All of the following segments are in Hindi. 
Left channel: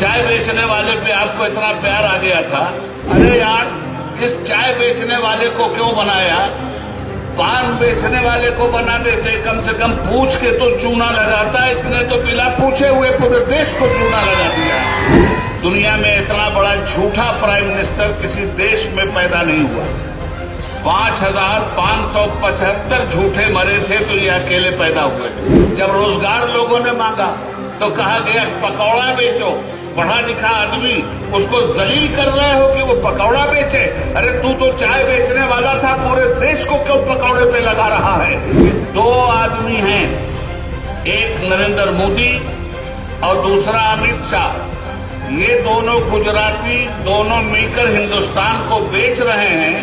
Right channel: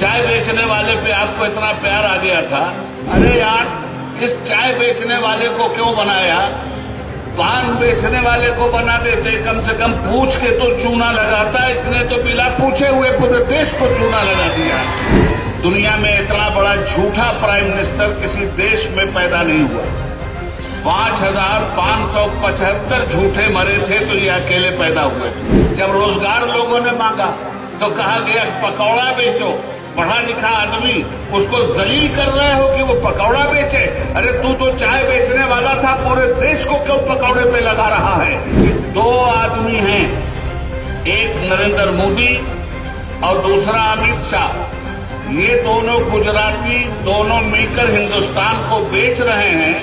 चाय बेचने वाले पे आपको इतना प्यार आ गया था। अरे यार, इस चाय बेचने वाले को क्यों बनाया? पान बेचने वाले को बना देते, कम से कम पूछ के तो चूना लगाता। इसने तो बिना पूछे हुए पूरे देश को चूना लगा दिया। दुनिया में इतना बड़ा झूठा प्राइम मिनिस्टर किसी देश में पैदा नहीं हुआ। 5,575 झूठे मरे थे तो ये अकेले पैदा हुए। जब रोजगार लोगों ने मांगा तो कहा गया पकौड़ा बेचो। पढ़ा लिखा आदमी, उसको जलील कर रहे हो कि वो पकौड़ा बेचे। अरे तू तो चाय बेचने वाला था, पूरे देश को क्यों पकौड़े पे लगा रहा है? दो आदमी हैं, एक नरेंद्र मोदी और दूसरा अमित शाह। ये दोनों गुजराती, दोनों मिलकर हिंदुस्तान को बेच रहे हैं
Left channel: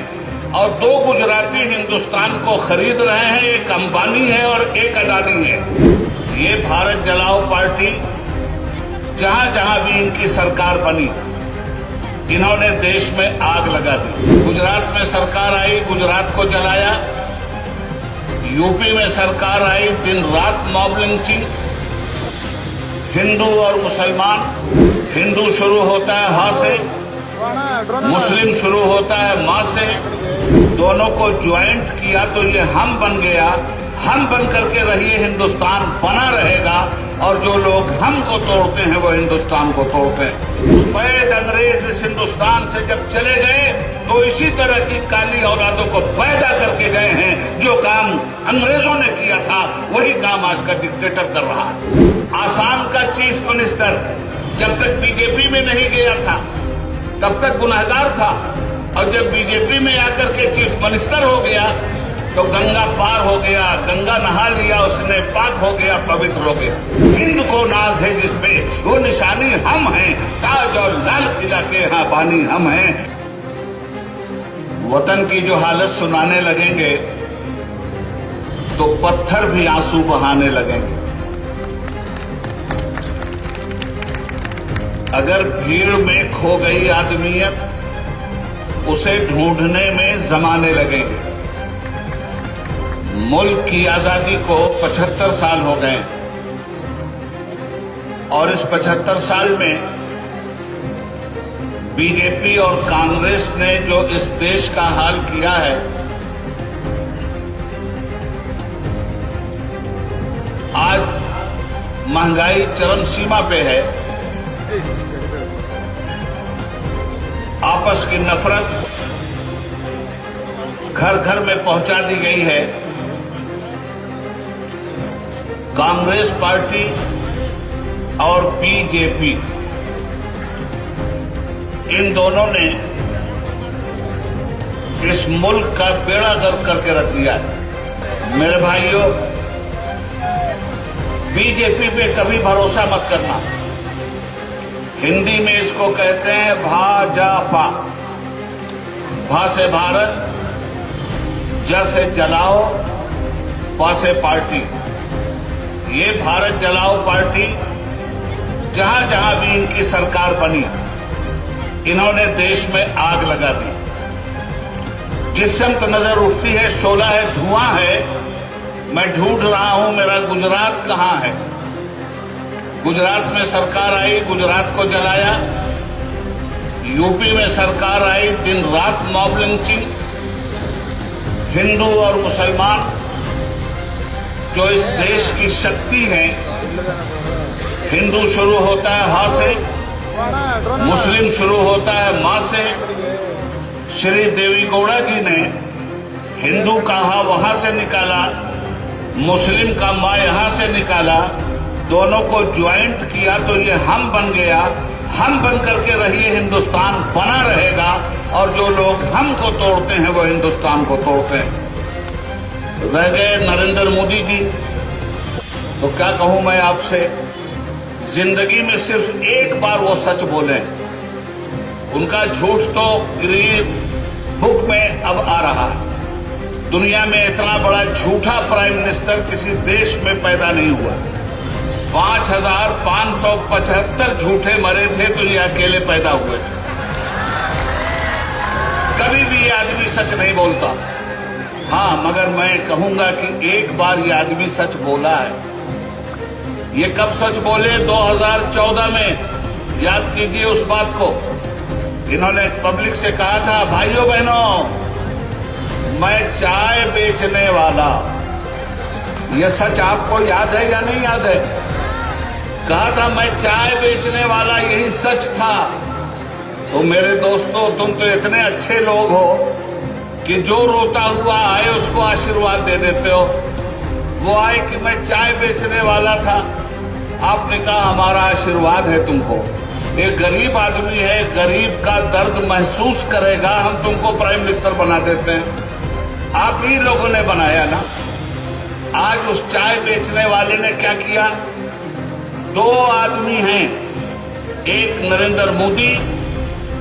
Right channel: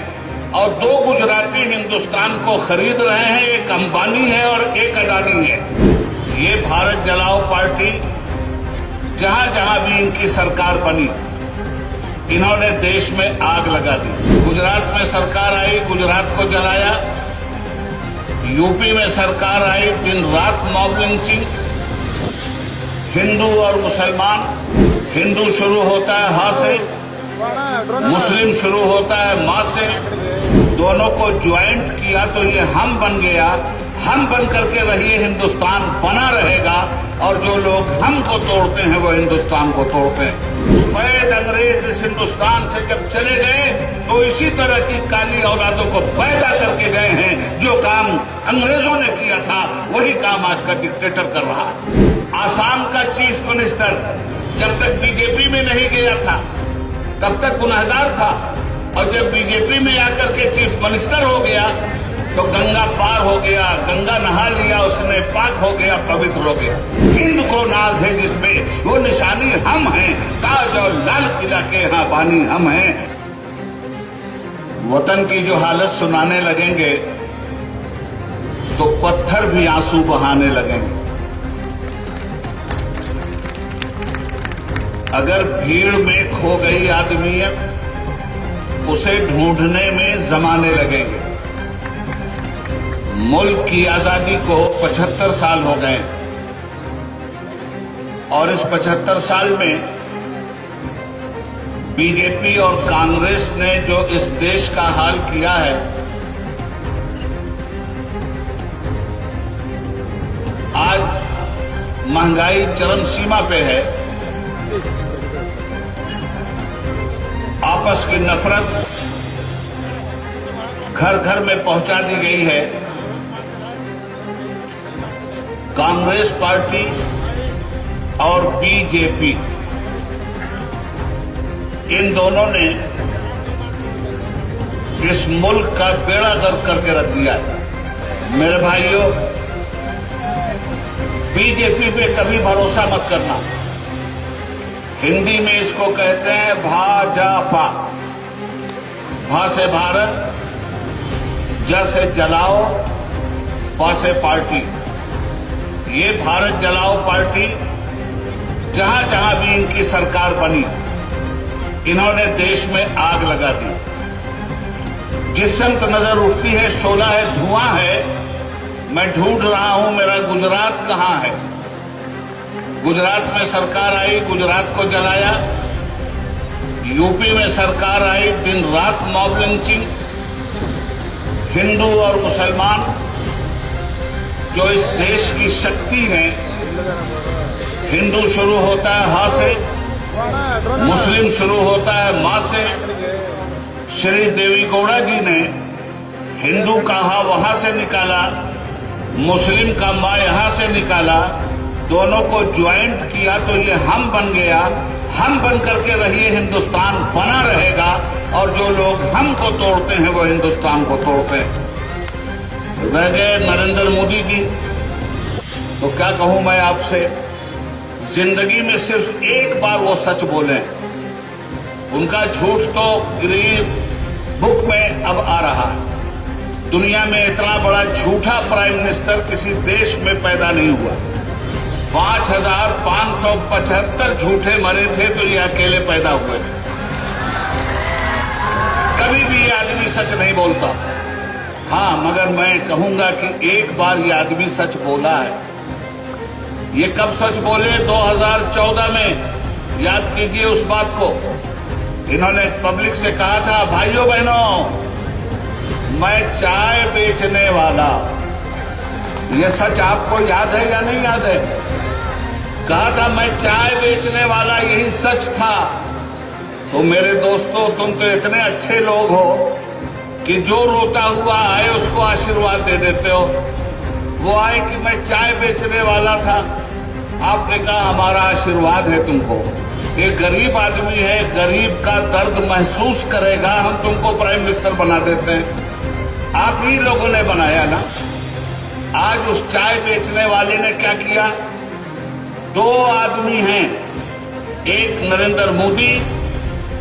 और दो गुजराती हिंदुस्तान को खरीद रहे हैं। एक अंबानी है और एक अडानी है। ये भारत जलाओ पार्टी, जहां जहां भी इनकी सरकार बनी, इन्होंने देश में आग लगा दी। गुजरात में सरकार आई, गुजरात को जलाया। यूपी में सरकार आई, दिन रात मॉब लिंचिंग। हिंदू और मुसलमान, हिंदू शुरू होता है हा से, मुस्लिम शुरू होता है मां से। दोनों को ज्वाइंट किया तो ये हम बन गया। हम बन करके रहिए, हिंदुस्तान बना रहेगा। और जो लोग हम को तोड़ते हैं वो हिंदुस्तान को तोड़ते हैं। सफेद अंग्रेज इस हिंदुस्तान से जब चले गए तो इसी तरह की काली औलादों को पैदा करके गए हैं। जो काम अंग्रेजों ने किया था वही काम आज का डिक्टेटर कर रहा है। आसाम का चीफ मिनिस्टर जब तक बीजेपी में नहीं गया था तब तक गुनहगार था, और जब बीजेपी में आकर के चीफ मिनिस्टर हो गया तो गंगा पार हो गया, गंगा नहा लिया उसने, पाक हो गया, पवित्र हो गया। हिंद को नाज है जिसमें, वो निशानी हम हैं। ताज और लाल किला के यहाँ बानी हम हैं। वतन की जो हालत सुनाने लगेंगे तो पत्थर भी आंसू बहाने लगेंगे। अगर भीड़ में खो गई आदमियत, उसे ढूंढने में जमाने लगेंगे। मुल्क की आजादी को 75 साल हो गए और इस 75 साल में बीजेपी और कांग्रेस ने जो इस देश का हाल किया है, आज महंगाई चरम सीमा पे है। आपस की नफरत घर घर में पहुंचा दी गई है। कांग्रेस पार्टी और बीजेपी, इन दोनों ने इस मुल्क का बेड़ा गर्क करके रख दिया है। मेरे भाइयों, बीजेपी पे कभी भरोसा मत करना। हिंदी में इसको कहते हैं भाजपा। भा से भारत, ज से जलाओ, पा से पार्टी। ये भारत जलाओ पार्टी, जहां जहां भी इनकी सरकार बनी, इन्होंने देश में आग लगा दी। जिस समय तो नजर उठती है शोला है, धुआं है। मैं ढूंढ रहा हूं मेरा गुजरात कहां है। गुजरात में सरकार आई, गुजरात को जलाया। यूपी में सरकार आई, दिन रात मॉब लिंचिंग। हिंदू और मुसलमान जो इस देश की शक्ति है, हिंदू शुरू होता है हा से, मुस्लिम शुरू होता है मां से। श्री देवी गौड़ा जी ने हिंदू का हा वहां से निकाला, मुस्लिम का मां यहां से निकाला। दोनों को ज्वाइंट किया तो ये हम बन गया। हम बन करके रहिए, हिंदुस्तान बना रहेगा। और जो लोग हम को तोड़ते हैं वो हिंदुस्तान को तोड़ते हैं। रह गए नरेंद्र मोदी जी, तो क्या कहूं मैं आपसे, जिंदगी में सिर्फ एक बार वो सच बोले। उनका झूठ तो ग्रीन बुक में अब आ रहा है। दुनिया में इतना बड़ा झूठा प्राइम मिनिस्टर किसी देश में पैदा नहीं हुआ। 5,575 झूठे मरे थे तो ये अकेले पैदा हुए थे। कभी भी ये आदमी सच नहीं बोलता। हाँ, मगर मैं कहूंगा कि एक बार ये आदमी सच बोला है। ये कब सच बोले? 2014 में, याद कीजिए उस बात को। इन्होंने पब्लिक से कहा था, भाइयों बहनों, मैं चाय बेचने वाला। यह सच आपको याद है या नहीं याद है? कहा था मैं चाय बेचने वाला, यही सच था। तो मेरे दोस्तों, तुम तो इतने अच्छे लोग हो कि जो रोता हुआ आए उसको आशीर्वाद दे देते हो। वो आए कि मैं चाय बेचने वाला था, आपने कहा हमारा आशीर्वाद है तुमको। एक गरीब आदमी है, गरीब का दर्द महसूस करेगा, हम तुमको प्राइम मिनिस्टर बना देते हैं। आप ही लोगों ने बनाया ना। आज उस चाय बेचने वाले ने क्या किया? दो आदमी हैं, एक नरेंद्र मोदी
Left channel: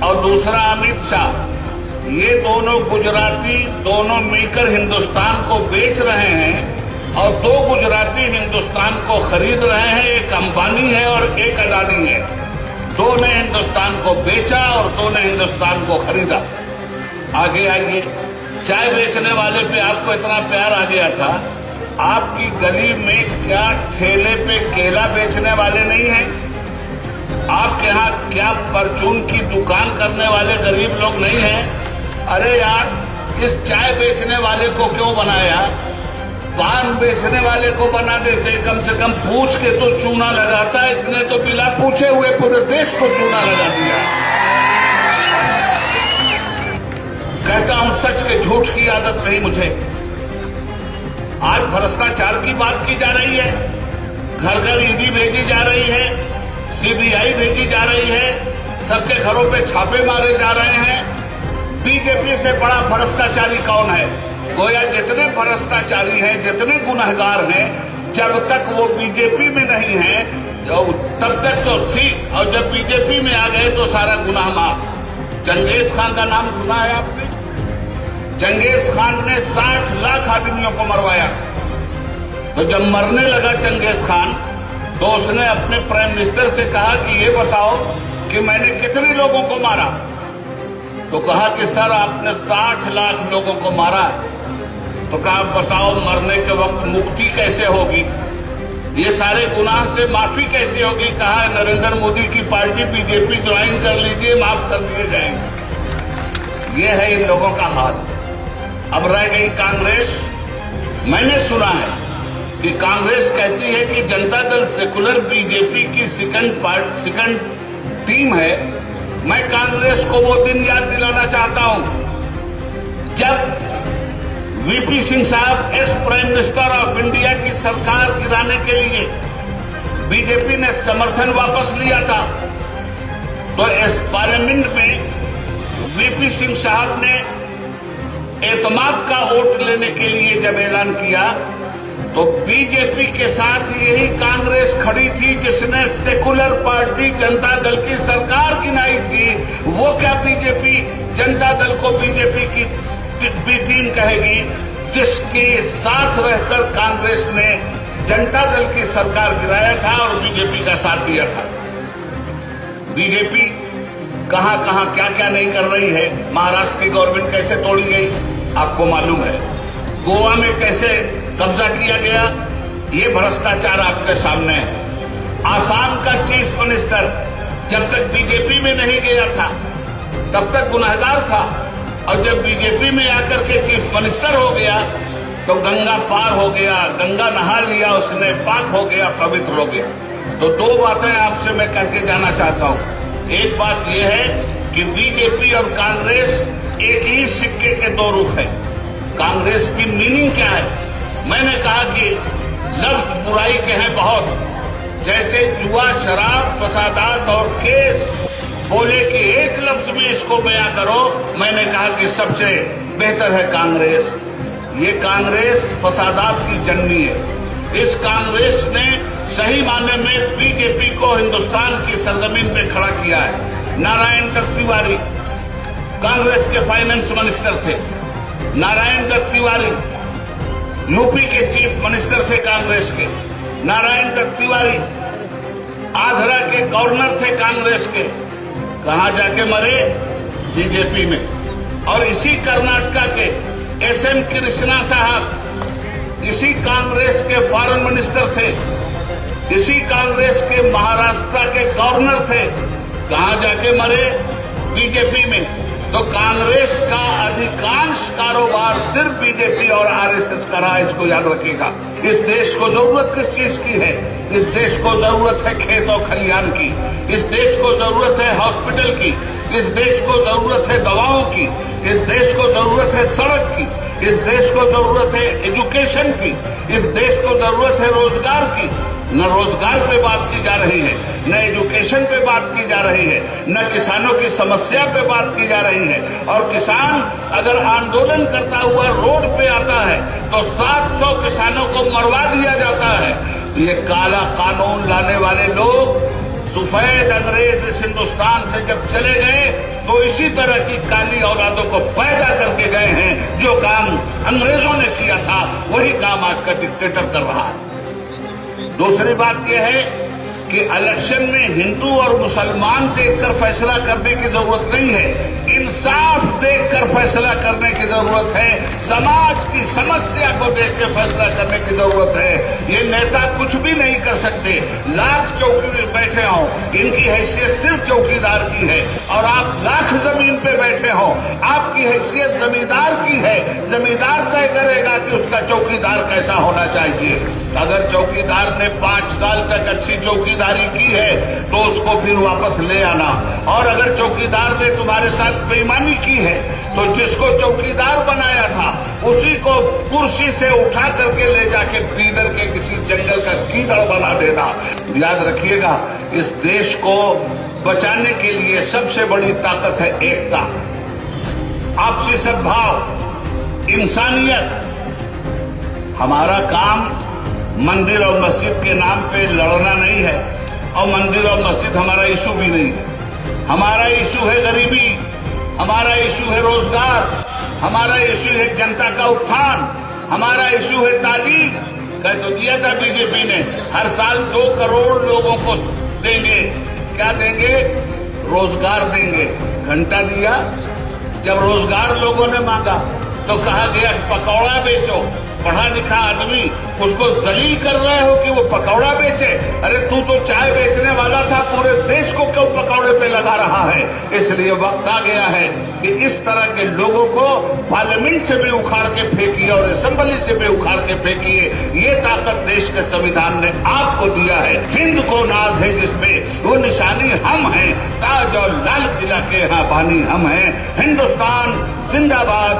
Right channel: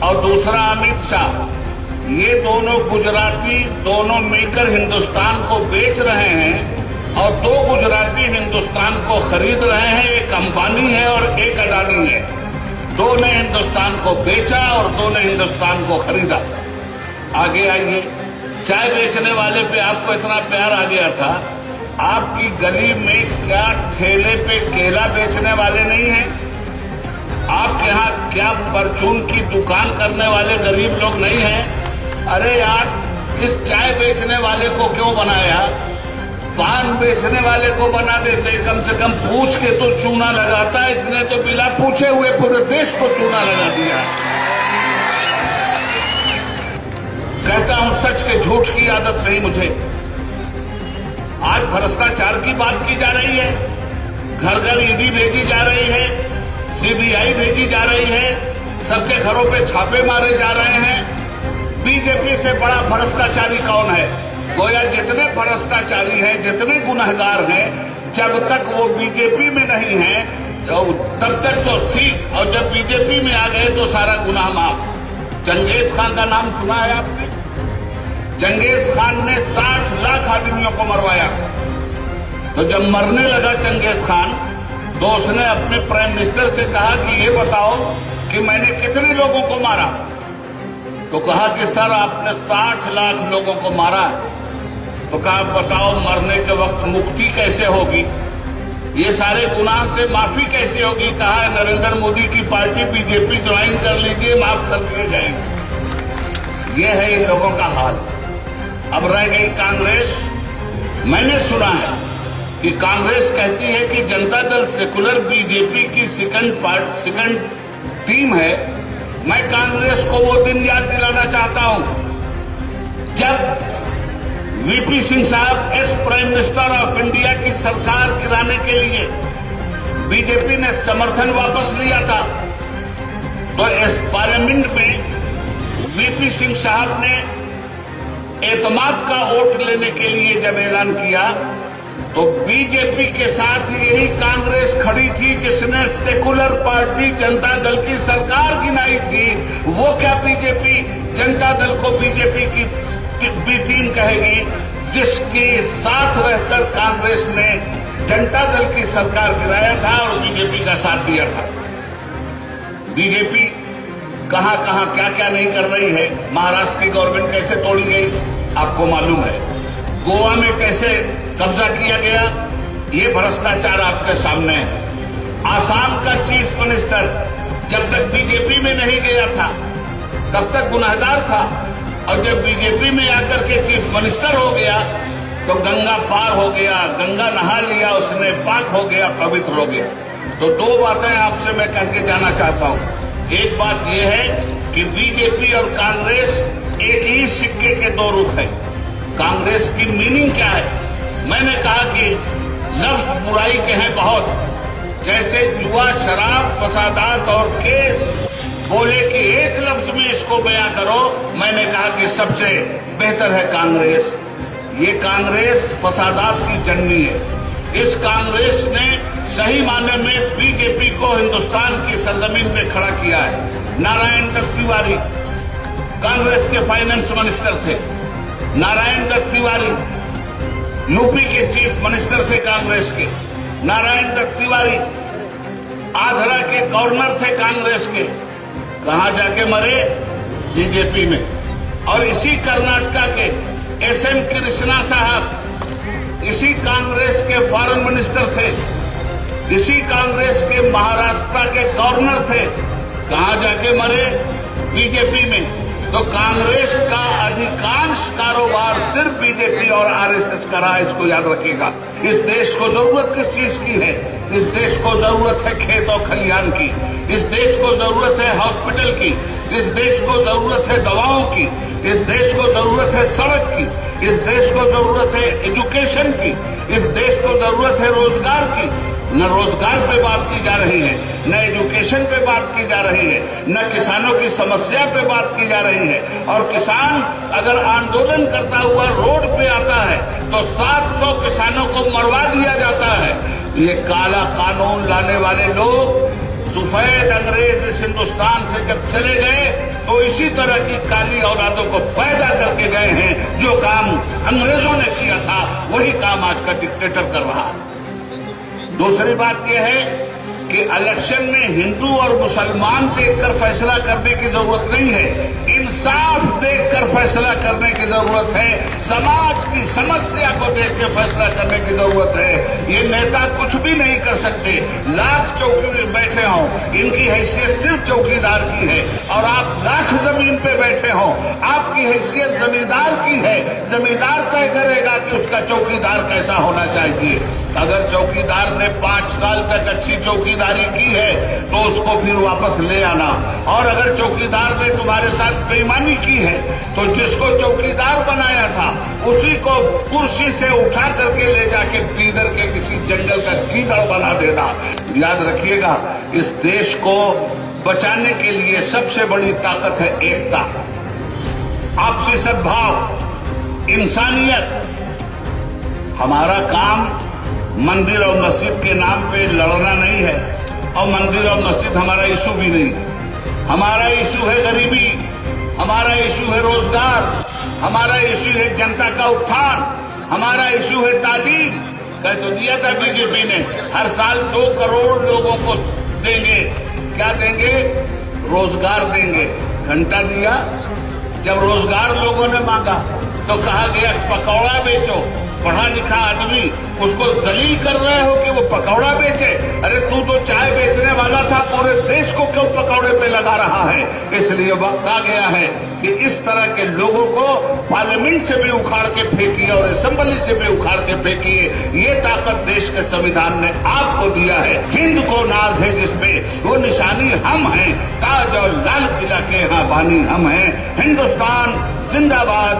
और दूसरा अमित शाह। ये दोनों गुजराती, दोनों मिलकर हिंदुस्तान को बेच रहे हैं और दो गुजराती हिंदुस्तान को खरीद रहे हैं। एक अंबानी है और एक अडानी है। दो ने हिंदुस्तान को बेचा और दो ने हिंदुस्तान को खरीदा। आगे आइए, चाय बेचने वाले पे आपको इतना प्यार आ गया था, आपकी गली में क्या ठेले पे केला बेचने वाले नहीं हैं? आपके यहाँ क्या परचून की दुकान करने वाले गरीब लोग नहीं हैं? अरे यार, इस चाय बेचने वाले को क्यों बनाया? पान बेचने वाले को बना देते, कम से कम पूछ के तो चूना लगाता। इसने तो बिना पूछे हुए पूरे देश को चूना लगा दिया। कहता हूं सच के झूठ की आदत नहीं मुझे। आज भ्रष्टाचार की बात की जा रही है, घर घर ईडी भेजी जा रही है, सीबीआई भेजी जा रही है, सबके घरों पे छापे मारे जा रहे हैं। बीजेपी से बड़ा भ्रष्टाचारी कौन है? गोया जितने भ्रष्टाचारी हैं, जितने गुनहगार हैं, जब तक वो बीजेपी में नहीं है तब तक तो ठीक, और जब बीजेपी में आ गए तो सारा गुनाह माफ। चंगेज खान का नाम सुना है आपने? चंगेज खान ने 60 लाख आदमियों को मरवाया। तो जब मरने लगा चंगेज खान, तो उसने अपने प्राइम मिनिस्टर से कहा कि ये बताओ कि मैंने कितने लोगों को मारा? तो कहा कि सर आपने 60 लाख लोगों को मारा। तो कहा बताओ मरने के वक्त मुक्ति कैसे होगी? ये सारे गुनाह से माफी कैसे होगी? कहा नरेंद्र मोदी की पार्टी बीजेपी ज्वाइन कर लीजिए, माफ कर दिए जाएंगे। ये है इन लोगों का हाल। अब रह गई कांग्रेस। मैंने सुना है कि कांग्रेस कहती है कि जनता दल सेकुलर बीजेपी की सेकंड टीम है। मैं कांग्रेस को वो दिन याद दिलाना चाहता हूं जब वीपी सिंह साहब ex prime minister of India की सरकार गिराने के लिए बीजेपी ने समर्थन वापस लिया था। तो इस पार्लियामेंट में वीपी सिंह साहब ने एतमाद का वोट लेने के लिए जब ऐलान किया, तो बीजेपी के साथ यही कांग्रेस खड़ी थी जिसने सेकुलर पार्टी जनता दल की सरकार गिनाई थी। वो क्या बीजेपी जनता दल को बीजेपी की बी टीम कहेगी जिसके साथ रहकर कांग्रेस ने जनता दल की सरकार गिराया था और बीजेपी का साथ दिया था। बीजेपी कहां कहां क्या क्या नहीं कर रही है। महाराष्ट्र की गवर्नमेंट कैसे तोड़ी गई आपको मालूम है। गोवा में कैसे कब्जा किया गया, ये भ्रष्टाचार आपके सामने है। आसाम का चीफ मिनिस्टर जब तक बीजेपी में नहीं गया था तब तक गुनहगार था, और जब बीजेपी में आकर के चीफ मिनिस्टर हो गया तो गंगा पार हो गया, गंगा नहा लिया उसने, पाक हो गया, पवित्र हो गया। तो दो बातें आपसे मैं कह के जाना चाहता हूं। एक बात यह है कि बीजेपी और कांग्रेस एक ही सिक्के के दो रुख हैं। कांग्रेस की मीनिंग क्या है? मैंने कहा कि लफ्ज बुराई के हैं बहुत, जैसे जुआ, शराब, फसादात और केस। बोले कि एक लफ्ज में इसको बयां करो, मैंने कहा कि सबसे बेहतर है कांग्रेस। ये कांग्रेस फसादात की जननी है। इस कांग्रेस ने सही माने में बीजेपी को हिंदुस्तान की सरजमीन पे खड़ा किया है। नारायण दत्त तिवारी कांग्रेस के फाइनेंस मिनिस्टर थे। नारायण दत्त तिवारी यूपी के चीफ मिनिस्टर थे कांग्रेस के। नारायण दत्त तिवारी आंध्रा के गवर्नर थे कांग्रेस के। कहां जाके मरे? बीजेपी में। और इसी कर्नाटका के एसएम कृष्णा साहब इसी कांग्रेस के फॉरेन मिनिस्टर थे। इसी कांग्रेस के महाराष्ट्र के गवर्नर थे। कहां जाके मरे? बीजेपी में। तो कांग्रेस का अधिकांश कारोबार सिर्फ बीजेपी और आरएसएस का रहा, इसको याद रखिएगा। इस देश को जरूरत किस चीज की है? इस देश को जरूरत है खेत और खलिहान की, इस देश को जरूरत है हॉस्पिटल की, इस देश को जरूरत है दवाओं की, इस देश को जरूरत है सड़क की, इस देश को जरूरत है एजुकेशन की, इस देश को जरूरत है रोजगार की। न रोजगार पे बात की जा रही है, न एजुकेशन पे बात की जा रही है, न किसानों की समस्या पे बात की जा रही है। और किसान अगर आंदोलन करता हुआ रोड पे आता है तो 700 किसानों को मरवा दिया जाता है। ये काला कानून लाने वाले लोग सफेद अंग्रेज इस हिंदुस्तान से जब चले गए तो इसी तरह की काली औलादों को पैदा करके गए हैं। जो काम अंग्रेजों ने किया था वही काम आज का डिक्टेटर कर रहा है। दूसरी बात यह है कि इलेक्शन में हिंदू और मुसलमान देखकर फैसला करने की जरूरत नहीं है, इंसाफ देखकर फैसला करने की जरूरत है, समाज की समस्या को देख के फैसला करने की जरूरत है। ये नेता कुछ भी नहीं कर सकते, लाख चौकी में बैठे हों, इनकी हैसियत सिर्फ चौकीदार की है। और आप लाख जमीन पे बैठे हों, आपकी हैसियत जमींदार की है। जमींदार तय करेगा कि उसका चौकीदार कैसा होना चाहिए। अगर चौकीदार ने 5 साल तक अच्छी चौकीदारी की है तो उसको फिर वापस ले आना, और अगर चौकीदार ने तुम्हारे साथ बेईमानी की है तो जिसको चौकीदार बनाया था उसी को कुर्सी से उठा करके ले जाके बीदर के किसी जंगल का कीचड़ बना देना। याद रखिएगा, इस देश को बचाने के लिए सबसे बड़ी ताकत है एकता, आपसी सद्भाव, इंसानियत। हमारा काम मंदिर और मस्जिद के नाम पे लड़ना नहीं है, और मंदिर और मस्जिद हमारा इशू भी नहीं है। हमारा इशू है गरीबी, हमारा इशू है रोजगार, हमारा इशू है जनता का उत्थान, हमारा इशू है तालीम। कह तो दिया था बीजेपी ने, हर साल 2 करोड़ लोगों को देंगे। क्या देंगे? रोजगार देंगे। घंटा दिया। जब रोजगार लोगों ने मांगा तो कहा गया पकौड़ा बेचो। पढ़ा लिखा आदमी, उसको जलील कर रहे हो कि वो पकौड़ा बेचे। अरे तू तो चाय बेचने वाला था, पूरे देश को क्यों पकौड़े पे लगा रहा है? इसलिए वक्त आ गया है कि इस तरह के लोगों को पार्लियामेंट से भी उखाड़ के फेंकिए और असेंबली से भी उखाड़ के फेंकिए। ये ताकत देश के संविधान ने आपको दिया है। हिंद को नाज है जिसपे, वो निशानी हम हैं, ताज और लाल किला के यहाँ बानी हम हैं। हिंदुस्तान जिंदाबाद।